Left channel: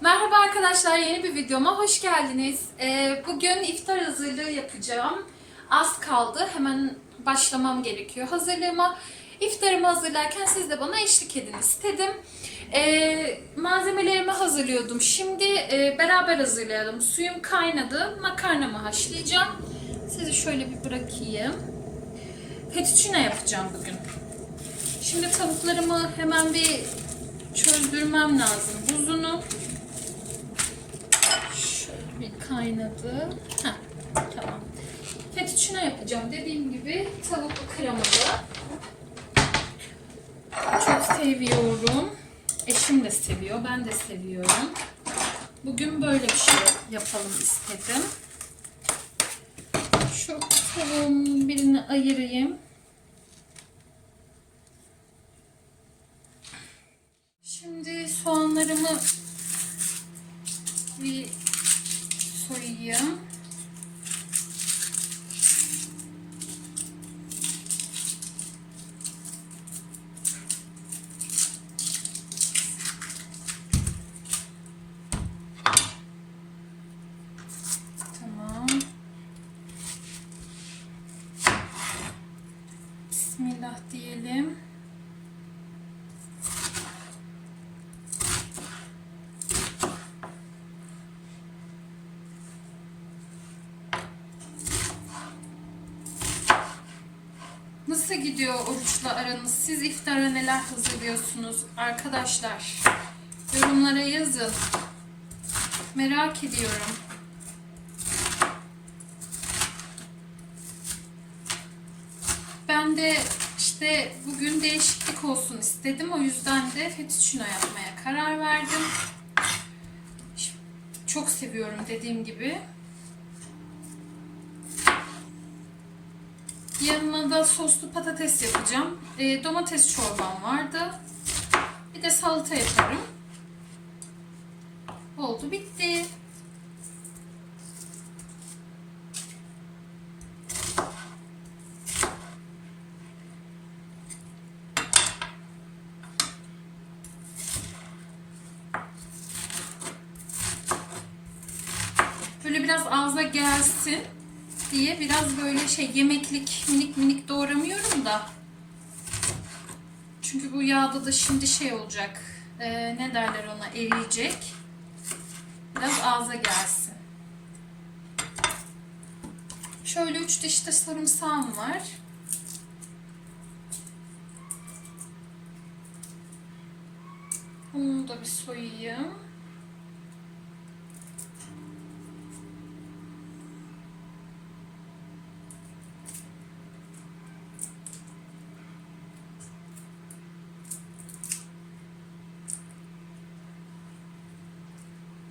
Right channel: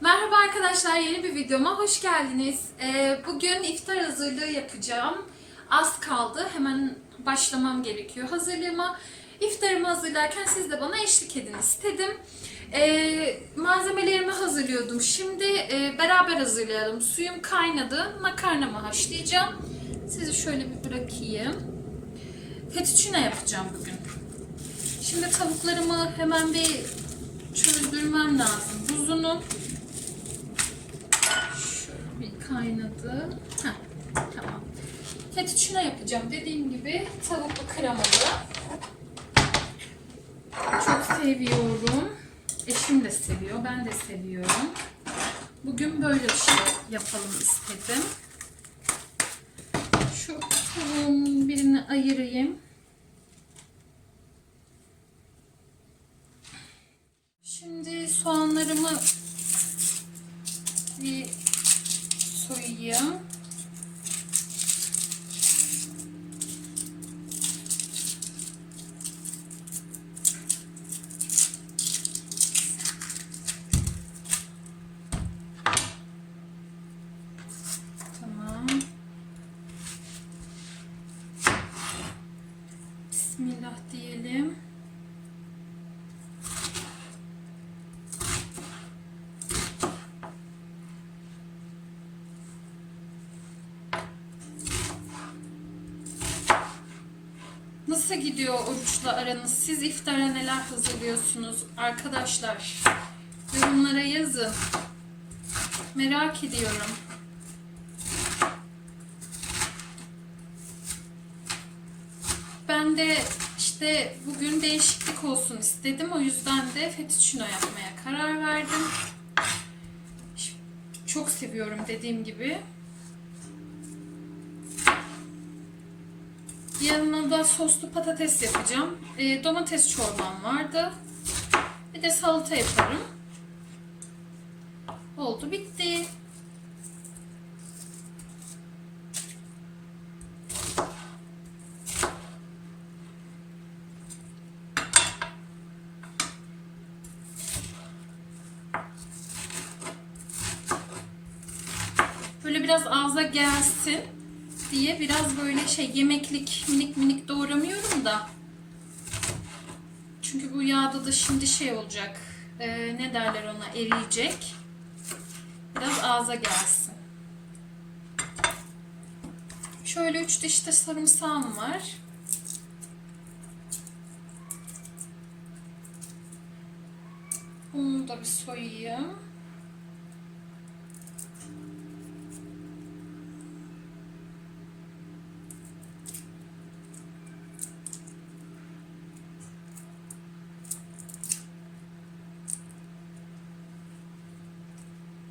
Merhaba arkadaşlar, yeni bir videoma hoş geldiniz. Ee, bugün iftar hazırlığı yapacağım. Az kaldı, hemen başlamam gerekiyor hazırlığıma. İftarımı hazırlarken siz de bana eşlik edin istedim. Ee, malzemelerimi hazırlıyordum. Şimdi e, beraber hazırlayalım. Suyum kaynadı, makarnamı haşlayacağım. Sizi şöyle bir bırakayım. Fettuccine yapacağım bugün. Şimdi tavuklarımı hemen bir çözdürmem lazım. Buzunu kaynadı. Heh, tamam. Fettuccine yapacağım. Dediğim gibi tavuklu kremalı. Çok seviyorum. Eşim de seviyor. Ben de seviyorum. Bugün böyle bir şey yapalım istedim. Şu tavuğumun birini ayırayım. Şimdi soğanlarımı bir soyayım. Tamam. Bismillah diyelim. Nasıl gidiyor oruçla aranız? Siz iftara neler hazırlıyorsunuz arkadaşlar? Yorumlara yazın. Merak ediyorum. Ben de işte bugün değişiklik olsun istedim. O yüzden de fettuccine yapmaya karar verdim. Çok seviyorum dediğim gibi. Yanına da soslu patates yapacağım. E, domates çorbam vardı. Bir de salata yaparım. Oldu bitti. Böyle biraz ağza gelsin diye biraz böyle şey yemeklik minik minik doğramıyorum da. Çünkü bu yağda da şimdi şey olacak. e, ne derler ona eriyecek. Biraz ağza gelsin. Şöyle üç diş de sarımsağım var. Bunu da bir soyayım.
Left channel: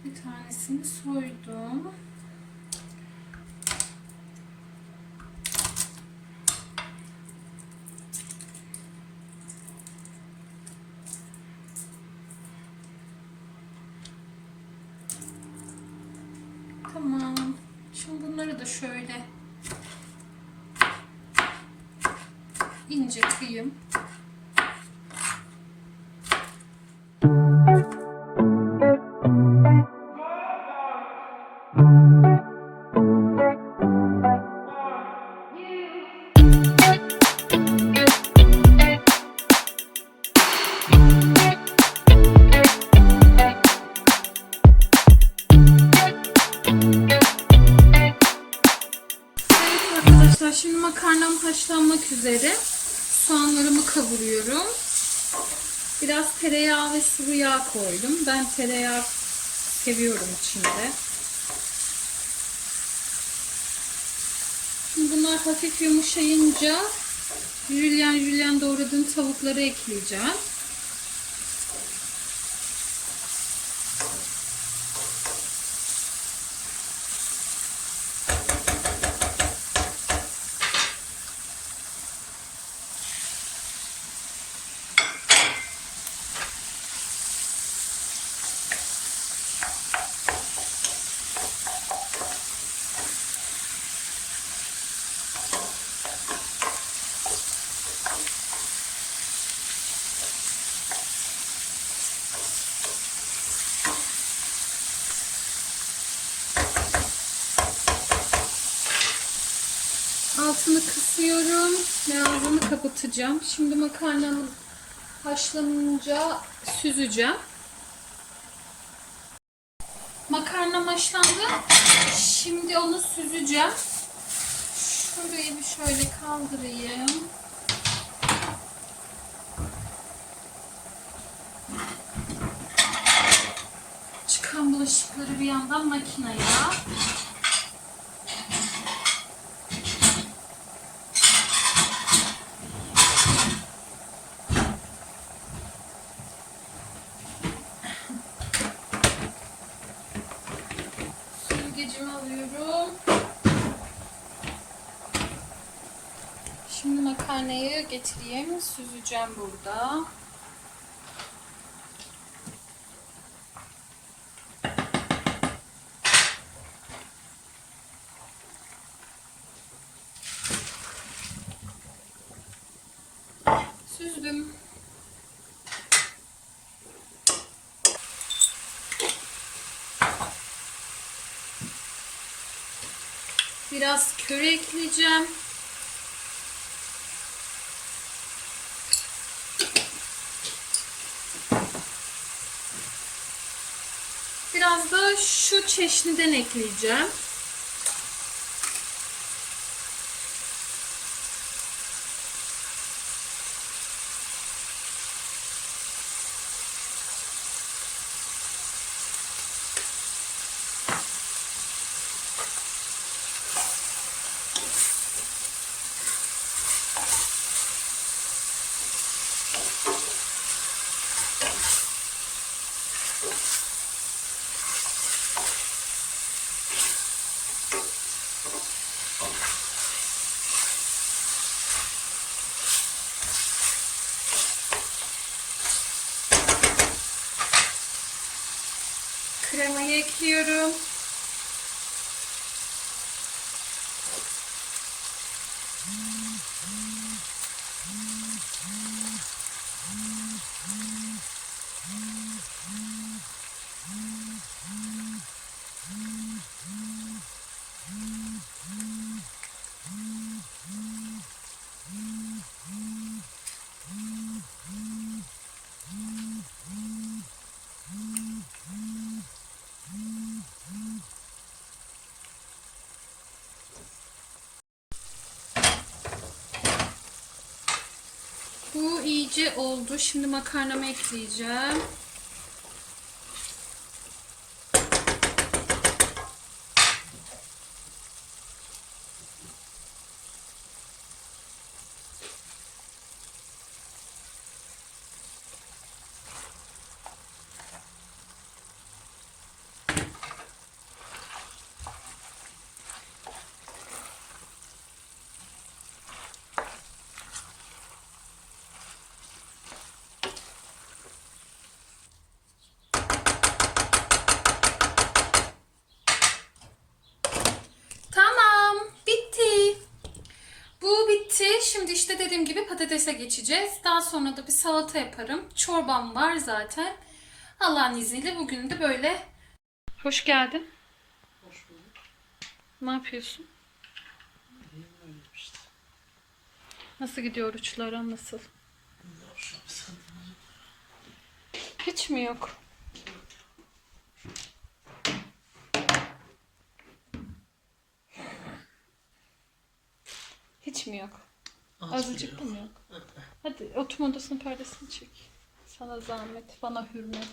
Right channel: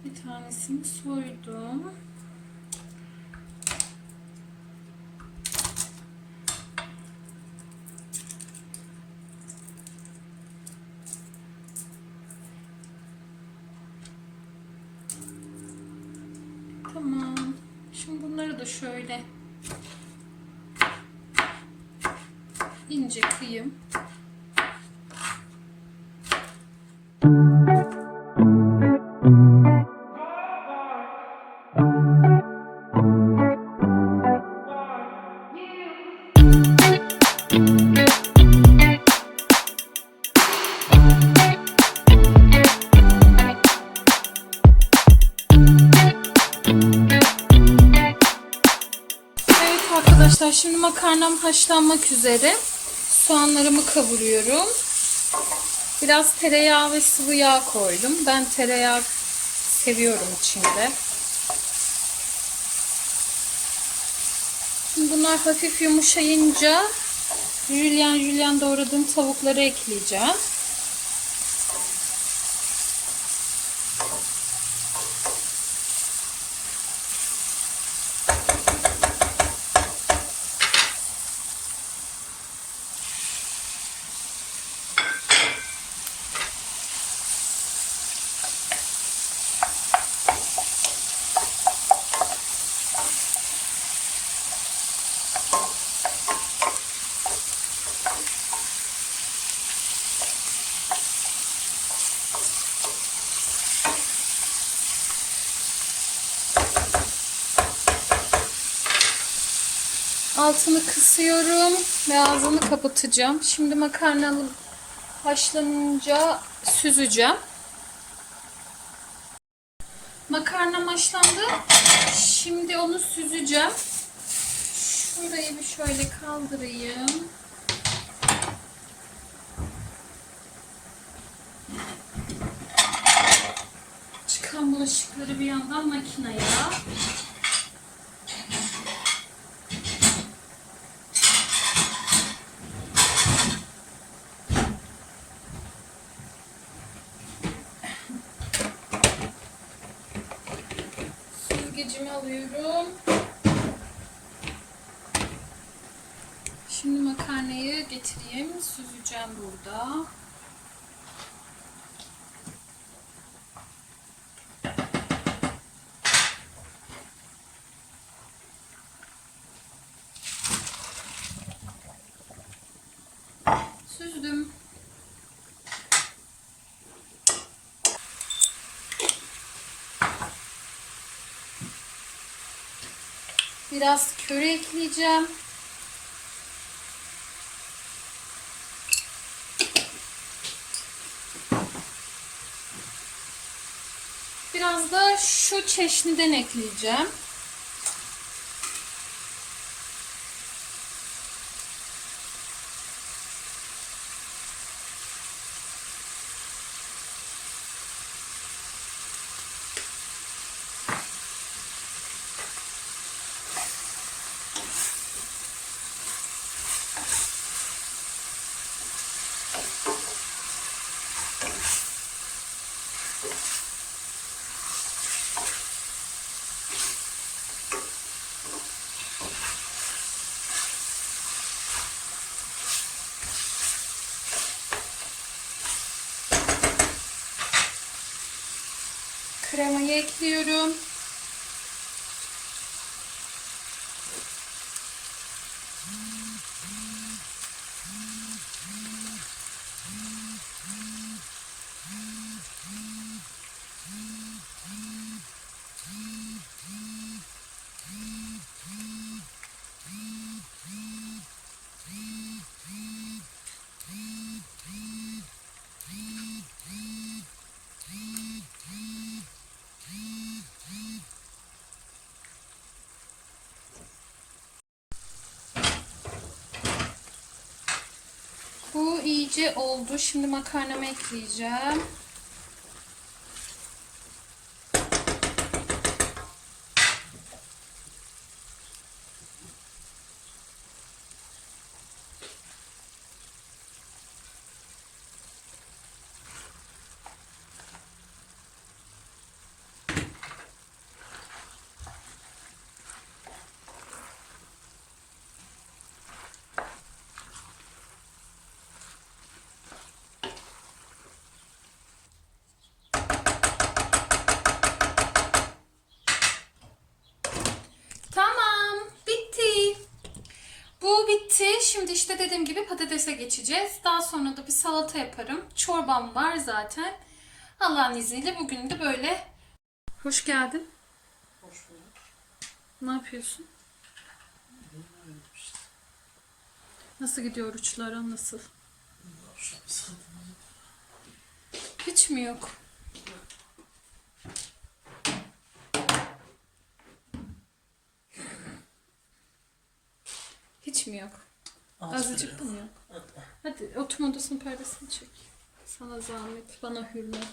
Bir tanesini soydum. Tamam. Şimdi bunları da şöyle ince kıyım. Kavuruyorum. Biraz tereyağı ve sıvı yağ koydum. Ben tereyağı seviyorum içinde. Şimdi bunlar hafif yumuşayınca jülyen jülyen doğradığım tavukları ekleyeceğiz. Altını kısıyorum ve ağzını kapatacağım. Şimdi makarnanın haşlanınca süzeceğim. Makarna haşlandı. Şimdi onu süzeceğim. Şurayı bir şöyle kaldırayım. Çıkan bulaşıkları bir yandan makineye. Şimdi makarnayı getireyim. Süzeceğim burada. Süzdüm. Biraz köri ekleyeceğim. Biraz da şu çeşniden ekleyeceğim. Kaşarımı ekliyorum. İyice oldu. Şimdi makarnamı ekleyeceğim. Tamam, bitti. Bu bitti. Şimdi işte dediğim gibi patatese geçeceğiz. Daha sonra da bir salata yaparım. Çorbam var zaten. Allah'ın izniyle bugün de böyle. Hoş geldin. Hoş bulduk. Ne yapıyorsun? İşte. Nasıl gidiyor uçlara? Nasıl? Hiç mi yok? Hiç mi yok? Azıcık mı yok? Hadi oturma odasının perdesini çek. Sana zahmet, bana hürmet.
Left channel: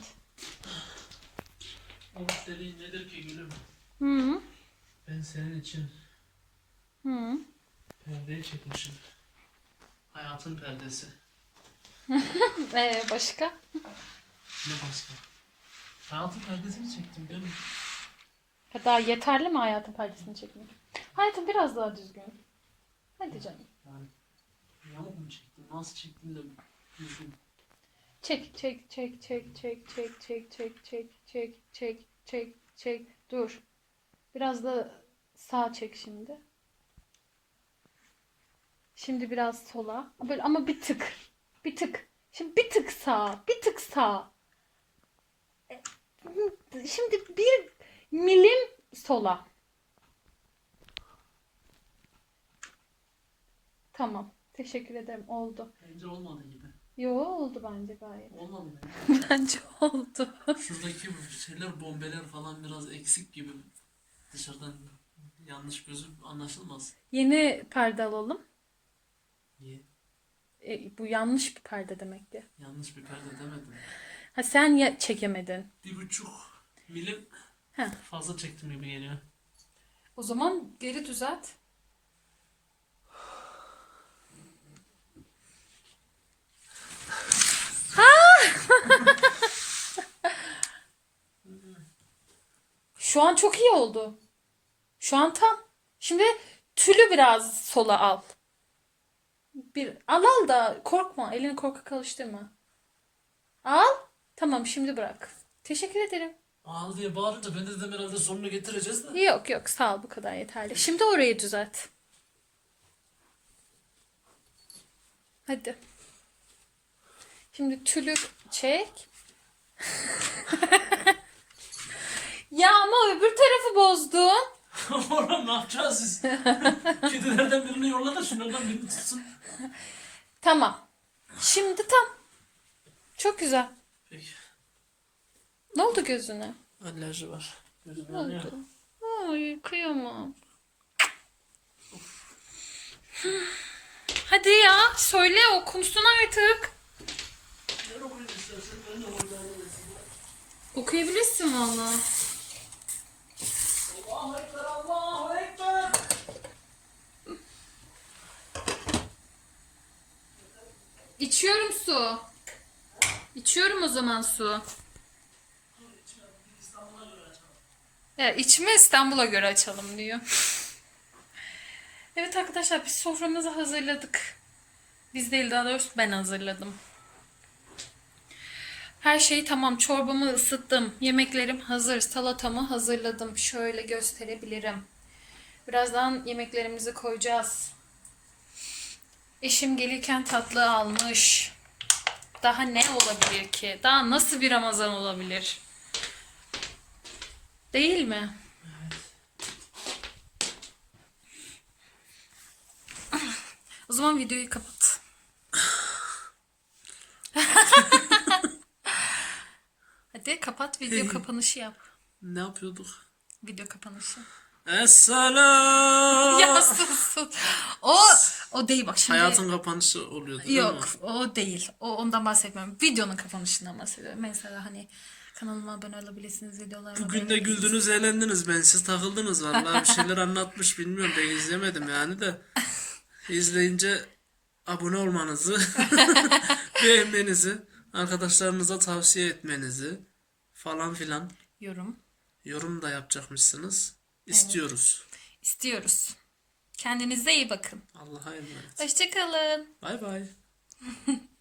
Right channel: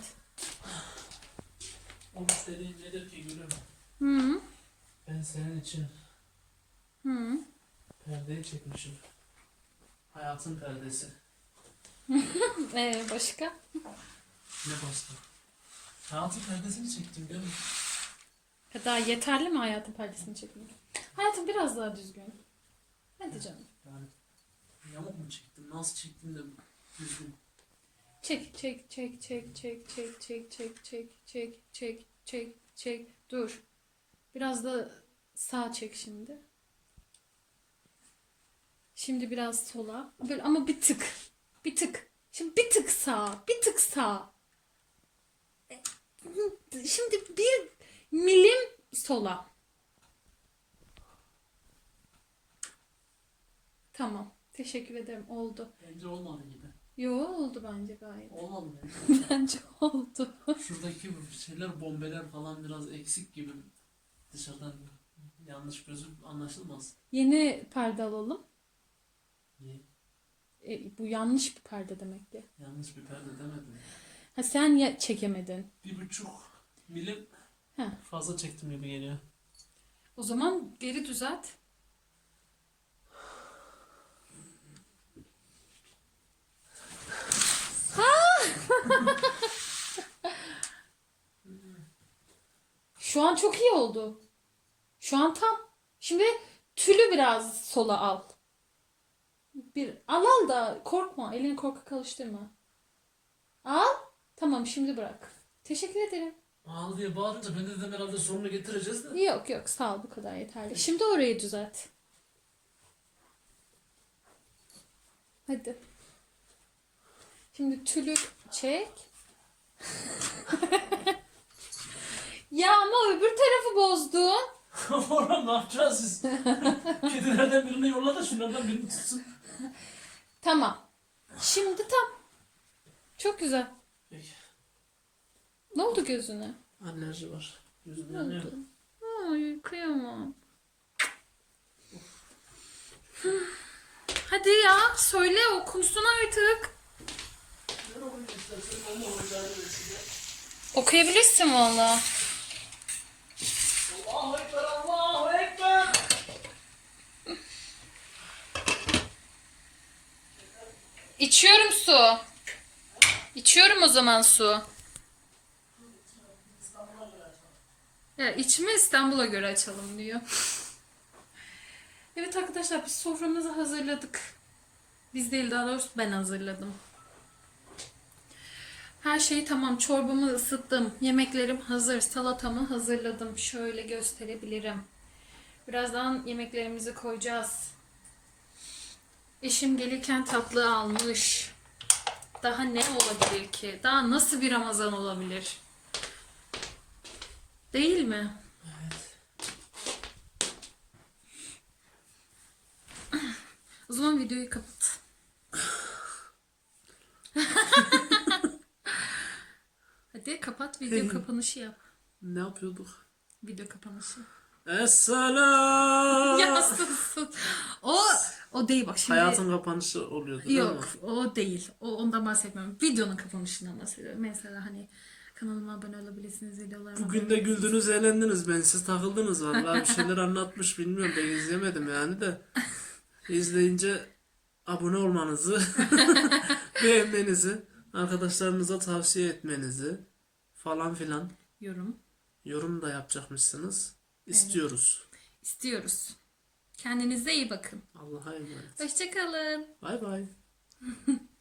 Oruç dediğin nedir ki gülüm? Hı Ben senin için hı. perdeyi çekmişim. Hayatın perdesi. Ee, başka? Ne başka? Hayatın perdesini çektim gülüm. Kadar yeterli mi hayatın perdesini çekmek? Hayatım biraz daha düzgün. Hadi canım. Yamuk mu çektim? Nasıl çektim de düzgün. Çek, çek, çek, çek, çek, çek, çek, çek, çek, çek, çek, çek, çek. Dur. Biraz da sağ çek şimdi. Şimdi biraz sola. Böyle ama bir tık. Bir tık. Şimdi bir tık sağ. Bir tık sağ. E, Şimdi bir milim sola. Tamam. Teşekkür ederim. Oldu. Bence olmadı gibi. Yo oldu bence gayet. Olmadı bence. Bence oldu. Şuradaki bu şeyler bombeler falan biraz eksik gibi. Dışarıdan yanlış gözüp anlaşılmaz. Yeni perde alalım. Niye? E, bu yanlış bir perde demek ki. Yanlış bir perde demedim. Ha sen ya çekemedin. Bir buçuk milim Heh. fazla çektim gibi geliyor. O zaman geri düzelt. Şu an çok iyi oldu. Şu an tam. Şimdi tülü biraz sola al. Bir al al da korkma. Elini korkak alıştırma. Al. Tamam şimdi bırak. Teşekkür ederim. Ağıl diye bağırınca ben de dedim herhalde sonunu getireceğiz de. Yok yok sağ ol bu kadar yeterli. Şimdi orayı düzelt. Hadi. Şimdi tülü çek. ya ama öbür tarafı bozdun. Oğlum ne yapacağız siz? Kedilerden birini yolla da şunlardan birini tutsun. Tamam. Şimdi tam. Çok güzel. Peki. Ne oldu gözüne? Alerji var. Gözüm Ne yanıyor. oldu? Ay kıyamam. Hadi ya söyle okunsun artık. Okuyabilirsin valla. İçiyorum su. İçiyorum o zaman su. Ya içme İstanbul'a göre açalım diyor. evet arkadaşlar biz soframızı hazırladık. Biz değil daha doğrusu ben hazırladım. Her şey tamam. Çorbamı ısıttım. Yemeklerim hazır. Salatamı hazırladım. Şöyle gösterebilirim. Birazdan yemeklerimizi koyacağız. Eşim gelirken tatlı almış. Daha ne olabilir ki? Daha nasıl bir Ramazan olabilir? Değil mi? O zaman videoyu kapat video kapanışı yap. Ne yapıyorduk? Video kapanışı. Esselam. Ya sus sus. O o değil bak şimdi. Hayatın kapanışı oluyordu değil Yok mi? o değil. O ondan bahsetmiyorum. Videonun kapanışından bahsediyorum. Mesela hani kanalıma abone olabilirsiniz videolarıma. Bugün de güldünüz, eğlendiniz. Ben siz takıldınız vallahi bir şeyler anlatmış bilmiyorum. Ben izlemedim yani de. İzleyince abone olmanızı, beğenmenizi, arkadaşlarınıza tavsiye etmenizi falan filan yorum yorum da yapacakmışsınız. İstiyoruz. istiyoruz. Kendinize iyi bakın. Allah'a emanet. Hoşçakalın. Bay bay.